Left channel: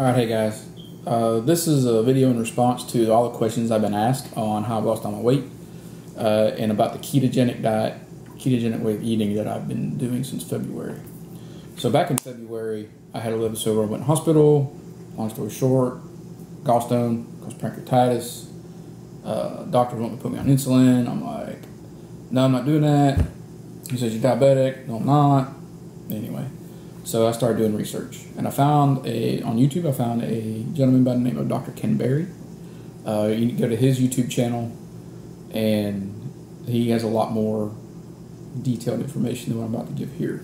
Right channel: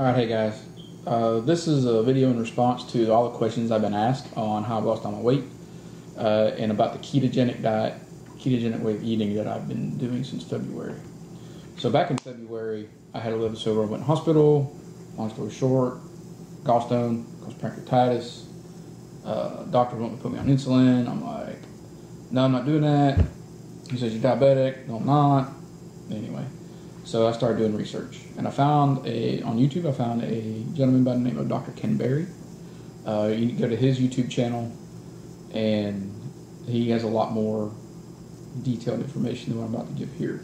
Alright, hey guys. This is a video in response to all the questions I've been asked on how I've lost all my weight and about the ketogenic diet, ketogenic way of eating that I've been doing since February. So back in February, I had a liver disorder. I went to the hospital. Long story short, gallstone, caused pancreatitis. Doctors want me to put me on insulin. I'm like, no, I'm not doing that. He says, you're diabetic. No, I'm not. Anyway. So I started doing research, and I found on YouTube, I found a gentleman by the name of Dr. Ken Berry. You can go to his YouTube channel, and he has a lot more detailed information than what I'm about to give here.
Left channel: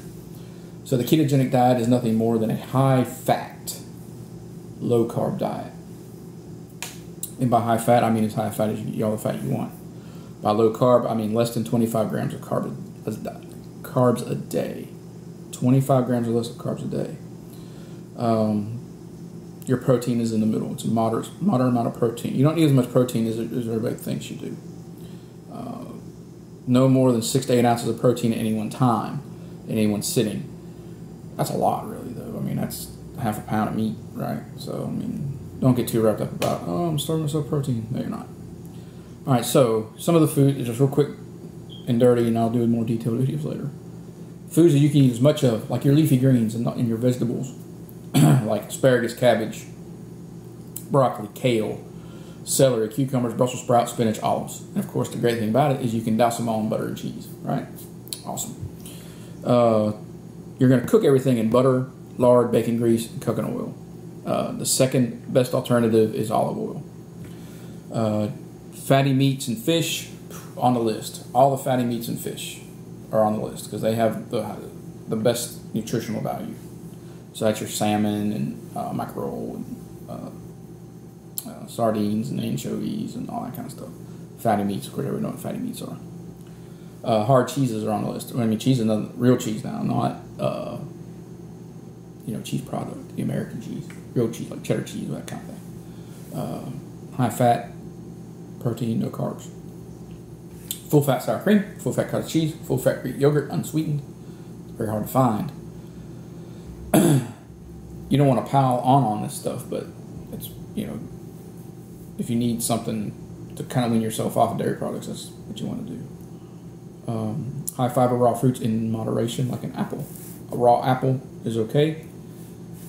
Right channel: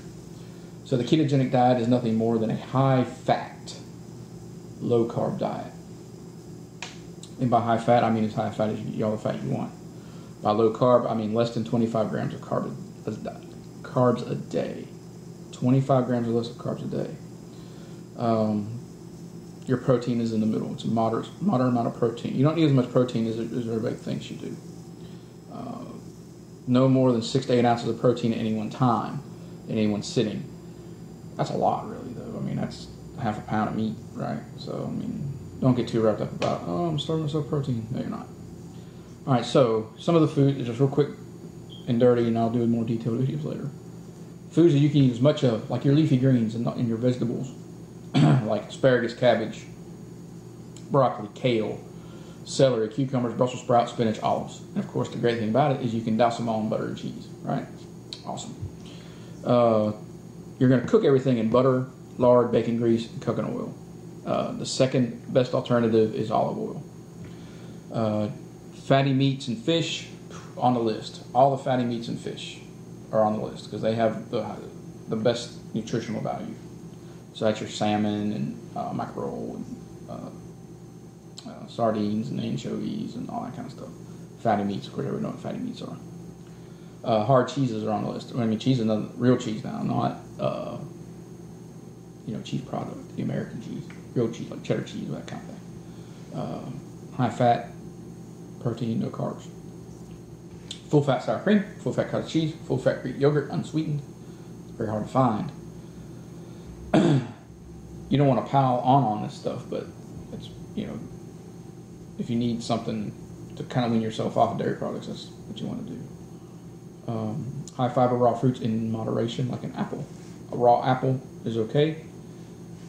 So the ketogenic diet is nothing more than a high-fat, low-carb diet. And by high-fat, I mean as high-fat as you can eat all the fat you want. By low-carb, I mean less than 25 grams of carbs a day. 25 grams or less of carbs a day. Your protein is in the middle. It's a moderate amount of protein. You don't need as much protein as everybody thinks you do. No more than 6 to 8 ounces of protein at any one time, in any one sitting. That's a lot, really, though. I mean, that's half a pound of meat, right? So, I mean, don't get too wrapped up about, oh, I'm starving myself protein. No, you're not. All right, so some of the food is just real quick and dirty, and I'll do more detailed videos later. Foods that you can eat as much of, like your leafy greens and your vegetables, like asparagus, cabbage, broccoli, kale, celery, cucumbers, Brussels sprouts, spinach, olives. And of course, the great thing about it is you can douse them all in butter and cheese, right? Awesome. You're going to cook everything in butter, lard, bacon grease, and coconut oil. The second best alternative is olive oil. Fatty meats and fish, on the list. All the fatty meats and fish are on the list because they have the best nutritional value. So that's your salmon and mackerel and sardines and anchovies and all that kind of stuff. Fatty meats, of course, everyone knows what fatty meats are. Hard cheeses are on the list. I mean, cheese is another real cheese now, not cheese product, the American cheese, real cheese like cheddar cheese, that kind of thing. High fat, protein, no carbs. Full fat sour cream, full fat cottage cheese, full fat Greek yogurt, unsweetened. It's very hard to find. You don't want to pile on this stuff, but it's, if you need something to kind of wean yourself off of dairy products, that's what you want to do. High fiber raw fruits in moderation, like an apple. A raw apple is okay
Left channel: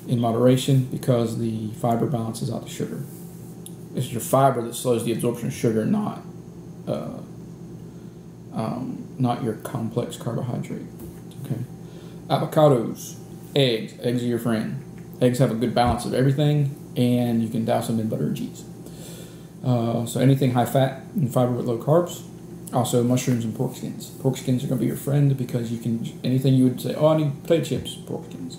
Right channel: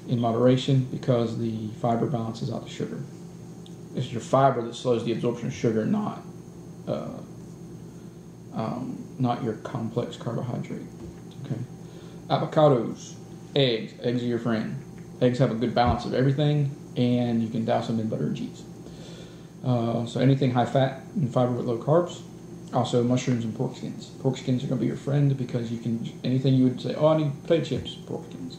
in moderation because the fiber balances out the sugar. It's your fiber that slows the absorption of sugar, not your complex carbohydrate. Okay. Avocados, eggs. Eggs are your friend. Eggs have a good balance of everything, and you can douse them in butter and cheese. So anything high fat and fiber with low carbs. Also mushrooms and pork skins. Pork skins are going to be your friend because you can, anything you would say, oh, I need potato chips, pork skins.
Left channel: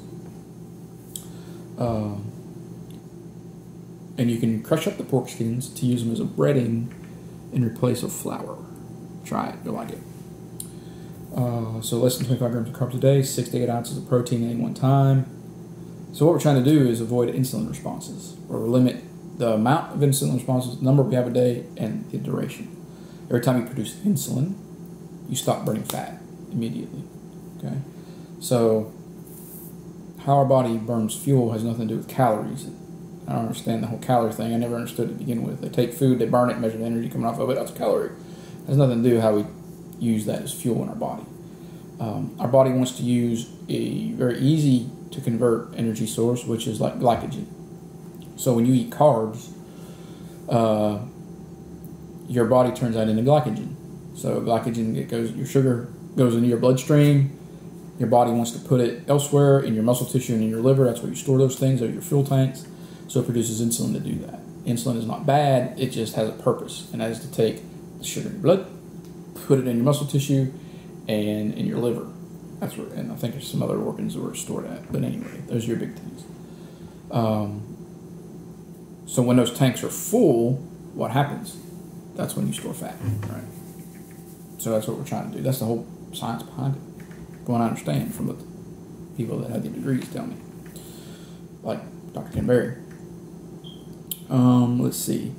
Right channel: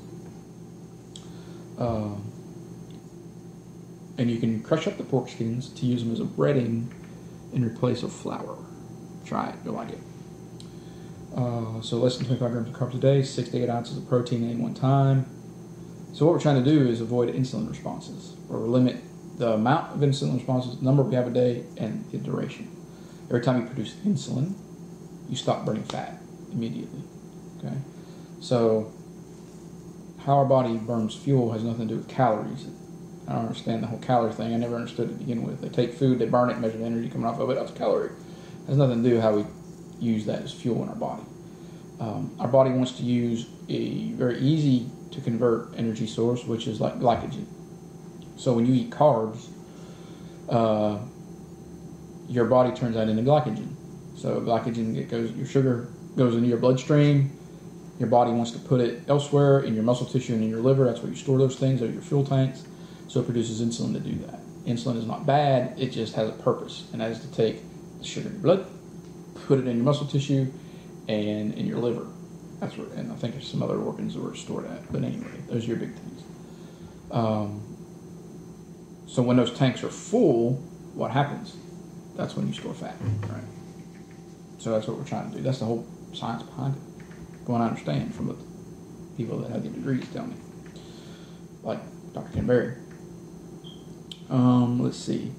And you can crush up the pork skins to use them as a breading in replace of flour. Try it, you'll like it. So less than 25 grams of carbs a day, 6 to 8 ounces of protein at any one time. So what we're trying to do is avoid insulin responses, or limit the amount of insulin responses, the number we have a day, and the duration. Every time you produce insulin, you stop burning fat immediately. Okay, so how our body burns fuel has nothing to do with calories. I don't understand the whole calorie thing. I never understood it to begin with. They take food, they burn it, measure the energy coming off of it. That's a calorie. It has nothing to do with how we use that as fuel in our body. Our body wants to use a very easy to convert energy source, which is like glycogen. So when you eat carbs, your body turns that into glycogen. So glycogen, your sugar goes into your bloodstream. Your body wants to put it elsewhere in your muscle tissue and in your liver. That's where you store those things. They're your fuel tanks. So it produces insulin to do that. Insulin is not bad. It just has a purpose, and that is to take the sugar in your blood, put it in your muscle tissue, and in your liver. That's where, and I think there's some other organs where it's stored at. But anyway, those are your big things. So when those tanks are full, what happens? That's when you store fat, right? So that's what we're trying to do. That's the whole science behind it. From what I understand from what the people that have the degrees tell me, like Dr. Ken Berry. Let's see.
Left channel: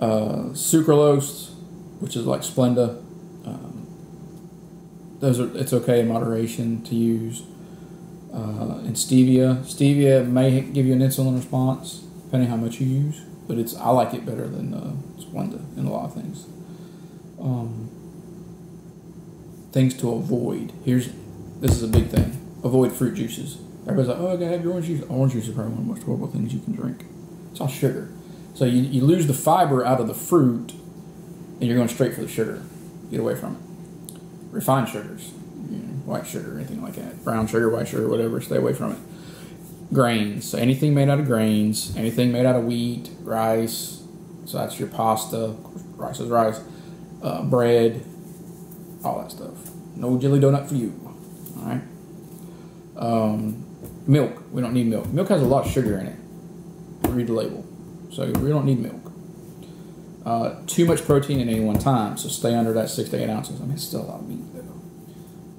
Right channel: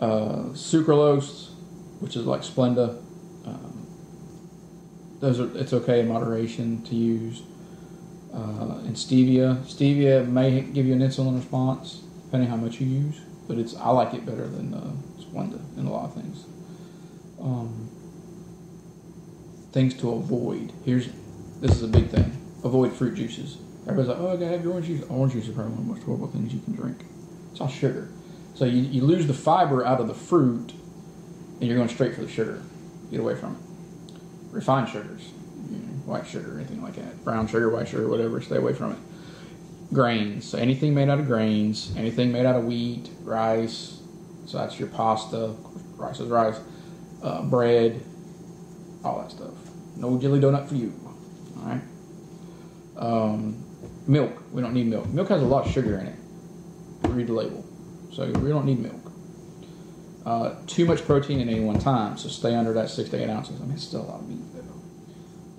Sucralose, which is like Splenda. It's okay in moderation to use. And stevia. Stevia may give you an insulin response, depending how much you use. But I like it better than Splenda in a lot of things. Things to avoid. This is a big thing. Avoid fruit juices. Everybody's like, oh, I gotta have your orange juice. Orange juice is probably one of the most horrible things you can drink. It's all sugar. So you lose the fiber out of the fruit, and you're going straight for the sugar. Get away from it. Refined sugars, white sugar, anything like that. Brown sugar, white sugar, whatever, stay away from it. Grains. So anything made out of grains, anything made out of wheat, rice, so that's your pasta, rice is rice, bread, all that stuff. No jelly donut for you. Alright? Milk. We don't need milk. Milk has a lot of sugar in it. Read the label. So we don't need milk. Too much protein at any one time, so stay under that 6 to 8 ounces. I mean, it's still a lot of meat, though.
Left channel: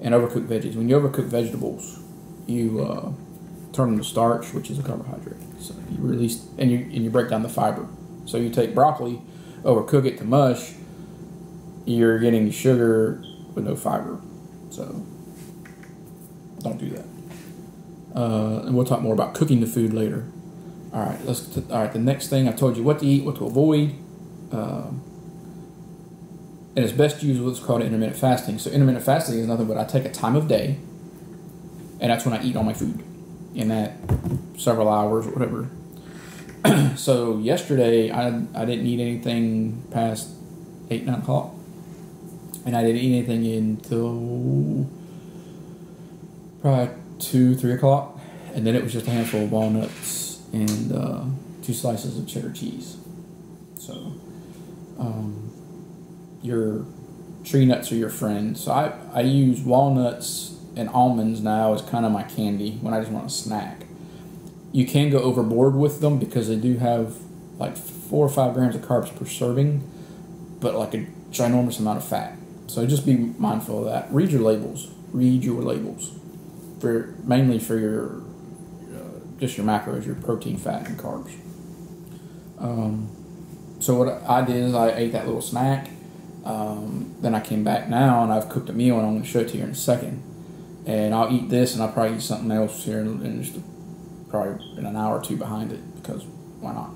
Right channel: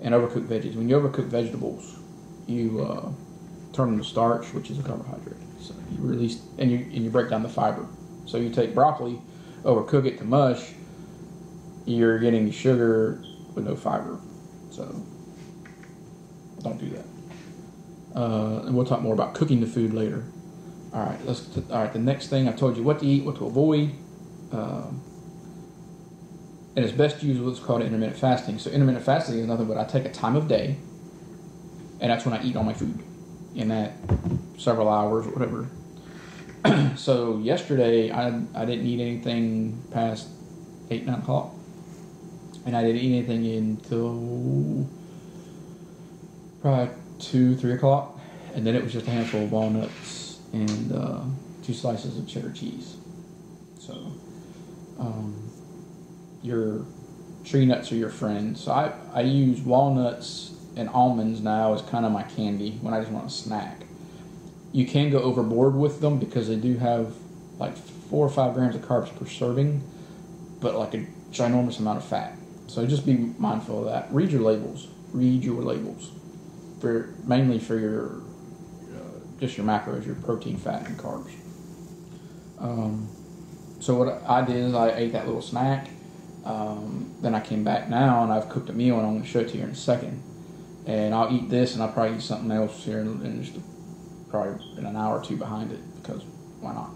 And overcooked veggies. When you overcook vegetables, you turn them to starch, which is a carbohydrate. So you release, and you break down the fiber. So you take broccoli, overcook it to mush, you're getting sugar with no fiber. So don't do that. And we'll talk more about cooking the food later. All right. The next thing I told you what to eat, what to avoid. And it's best to use what's called intermittent fasting. So intermittent fasting is nothing but I take a time of day, and that's when I eat all my food in that several hours or whatever. So yesterday I didn't eat anything past 8, 9 o'clock, and I didn't eat anything until probably 2, 3 o'clock, and then it was just a handful of walnuts and 2 slices of cheddar cheese. So your tree nuts are your friend. So I use walnuts and almonds now as kind of my candy when I just want a snack. You can go overboard with them because they do have like 4 or 5 grams of carbs per serving, but like a ginormous amount of fat. So just be mindful of that. Read your labels. Read your labels. Mainly for your just your macros, your protein, fat, and carbs. So what I did is I ate that little snack. Then I came back now and I've cooked a meal, and I'm going to show it to you in a second. And I'll eat this, and I'll probably eat something else here in just probably in an hour or 2 behind it, because why not?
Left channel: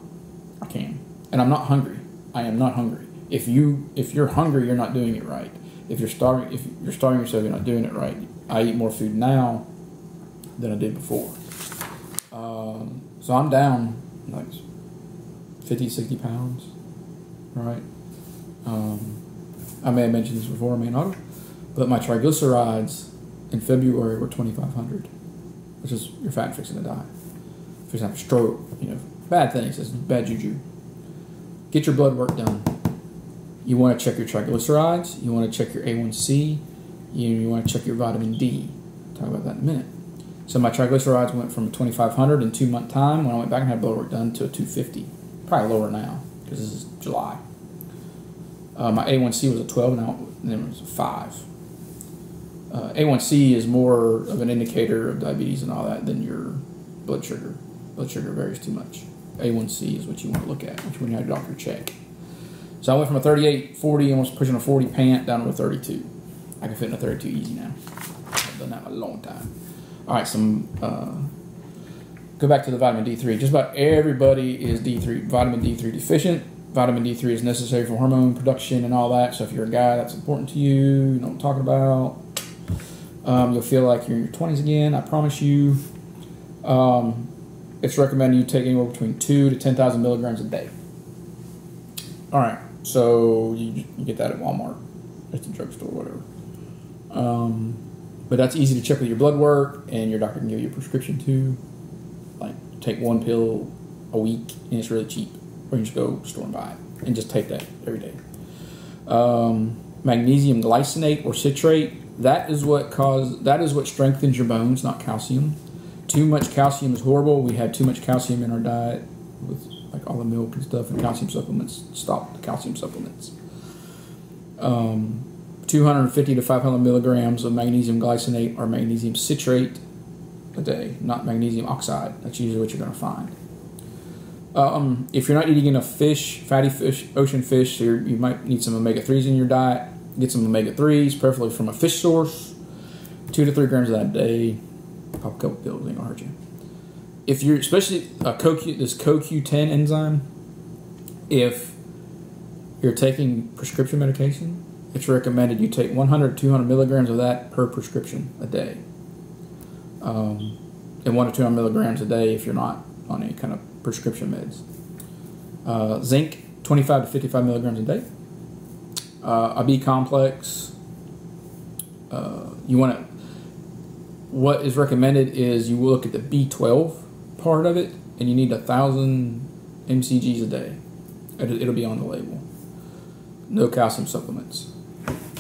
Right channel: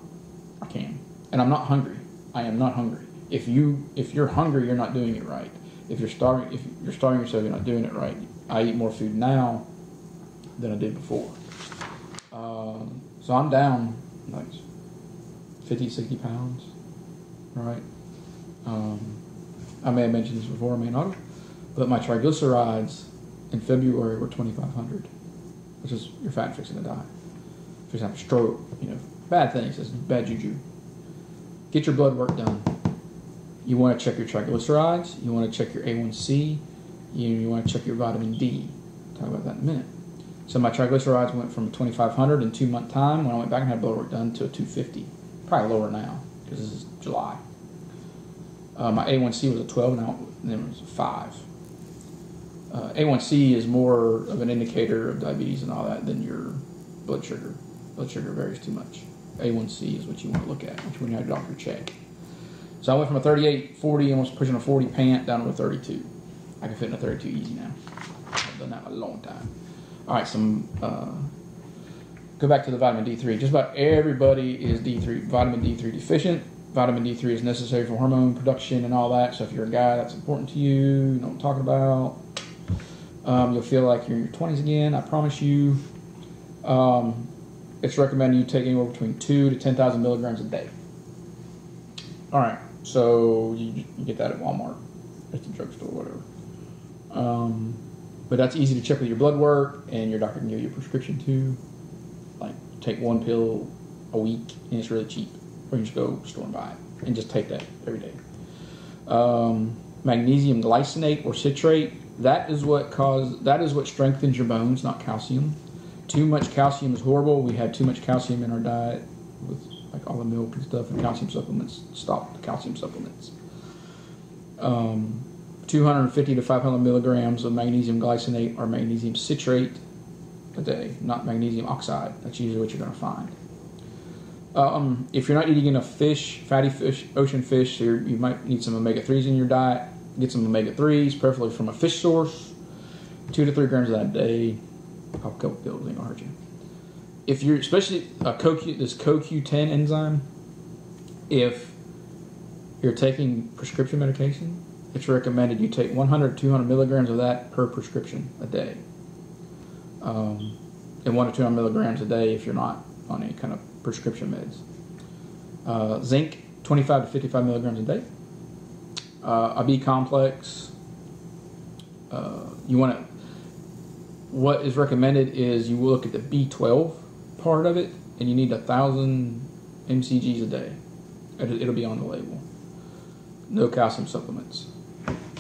I can. And I'm not hungry. I am not hungry. If you're hungry, you're not doing it right. If you're starving yourself, you're not doing it right. I eat more food now than I did before. So I'm down like 50, 60 pounds, right? I may have mentioned this before, I may not, but my triglycerides in February were 2,500, which is your fat fixing to die. For example, stroke, bad things, it's bad juju. Get your blood work done. You want to check your triglycerides, you want to check your A1C, you want to check your vitamin D. I'll talk about that in a minute. So my triglycerides went from 2,500 in 2 month time when I went back and had blood work done to 250. Probably lower now because this is July. My A1C was a 12, now it was a 5. A1C is more of an indicator of diabetes and all that than your blood sugar. Blood sugar varies too much. A1C is what you want to look at, which when you have your doctor check. So I went from a 38, 40, almost pushing a 40 pant down to a 32. I can fit in a 32 easy now. I've done that in a long time. All right, go back to the vitamin D3. Just about everybody is vitamin D3 deficient. Vitamin D3 is necessary for hormone production and all that. So if you're a guy, that's important to you. You know what I'm talking about. You'll feel like you're in your 20s again. I promise you. It's recommended you take anywhere between 2 to 10,000 milligrams a day. All right, so you get that at Walmart, at the drugstore, whatever. But that's easy to check with your blood work, and your doctor can give you a prescription too. Like, take 1 pill a week, and it's really cheap. Or you just go to the store and buy it, and just take that every day. Magnesium glycinate or citrate, that is what strengthens your bones, not calcium. Too much calcium is horrible. We had too much calcium in our diet with like all the milk and stuff, and calcium supplements. Stop the calcium supplements. 250 to 500 milligrams of magnesium glycinate or magnesium citrate a day, not magnesium oxide. That's usually what you're going to find. If you're not eating enough fish, fatty fish, ocean fish, you might need some omega-3s in your diet. Get some omega-3s, preferably from a fish source. 2 to 3 grams of that a day. pop a couple pills, ain't gonna hurt you. If you're, especially this CoQ10 enzyme, if you're taking prescription medication, it's recommended you take 100 to 200 milligrams of that per prescription a day. And 1 to 200 milligrams a day if you're not on any kind of prescription meds. Zinc, 25 to 55 milligrams a day. A B complex. What is recommended is you look at the B12 part of it, and you need 1,000 mcgs a day. It'll be on the label. No calcium supplements.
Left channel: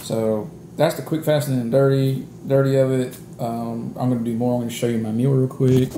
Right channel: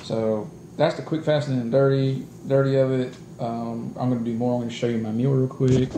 So that's the quick, fast, and dirty of it. I'm going to do more. I'm going to show you my meal real quick.